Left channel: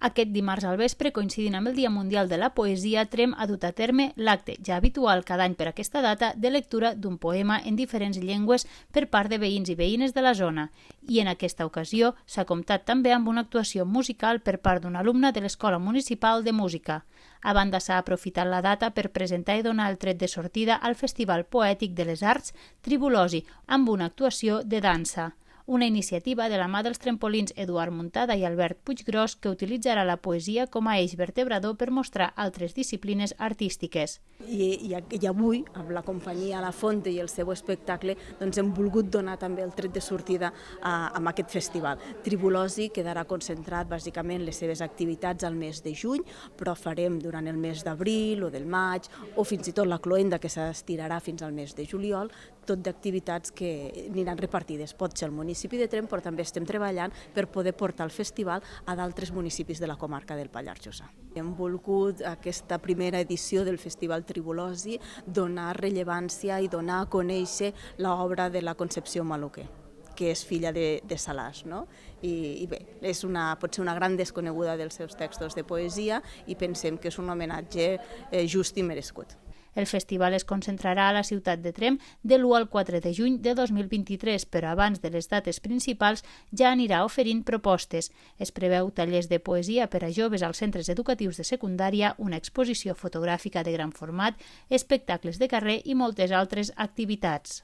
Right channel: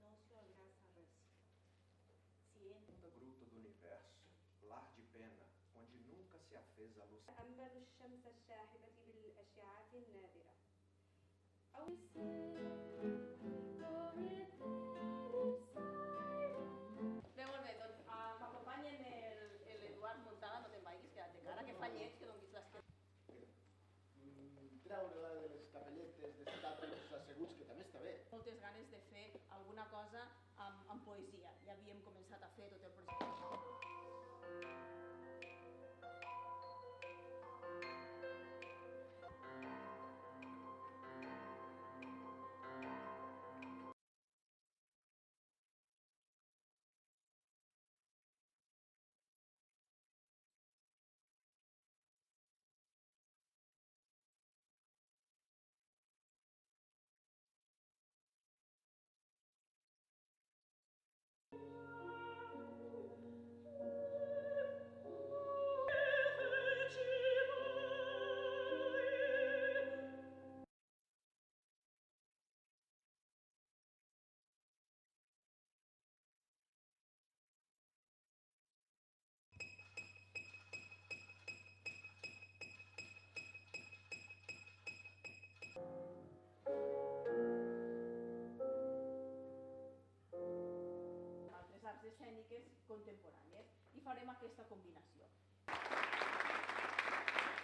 Aquest dimarts al vespre, coincidint amb el Dia Mundial de la Poesia, Tremp ha dut a terme l'acte, ja habitual cada any per aquesta data, de lectura d'un poema en diferents llengües per part de veïns i veïnes de la zona. I en aquesta ocasió s'ha comptat també amb una actuació musical per part d'un alumne de l'Escola Municipal de Música. A banda, s'ha aprofitat la data per presentar i donar el tret de sortida al Festival Poètic de les Arts Tribulosi, amb una actuació de dansa. Una iniciativa de la mà dels trempolins Eduard Muntada i Albert Puiggròs que utilitzarà la poesia com a eix vertebrador per mostrar altres disciplines artístiques. I avui, amb la companyia La Fonte i el seu espectacle, hem volgut donar també el tret de sortida a aquest festival. Tribulosi quedarà concentrat bàsicament les seves activitats al mes de juny, però farem durant el mes d'abril o del maig, o fins i tot la cloenda que s'estirarà fins al mes de juliol, tot d'activitats que aniran repartides. Pot ser el municipi de Tremp, però també estem treballant per poder portar el festival a d'altres municipis de la comarca del Pallars Jussà. Hem volgut aquesta primera edició del Festival Tribulosi donar rellevància i donar a conèixer l'obra de la Concepció Maluquer, que és filla de Salàs, no? I bé, pot ser una gran desconeguda dels seus textos de poesia i pensem que és un homenatge just i merescut. El festival es concentrarà a la ciutat de Tremp de l'1 al 4 de juny de 2023, però abans de les dates principals ja anirà oferint propostes. Es preveu tallers de poesia per a joves als centres educatius de secundària, una exposició fotogràfica de gran format, espectacles de carrer i moltes altres activitats.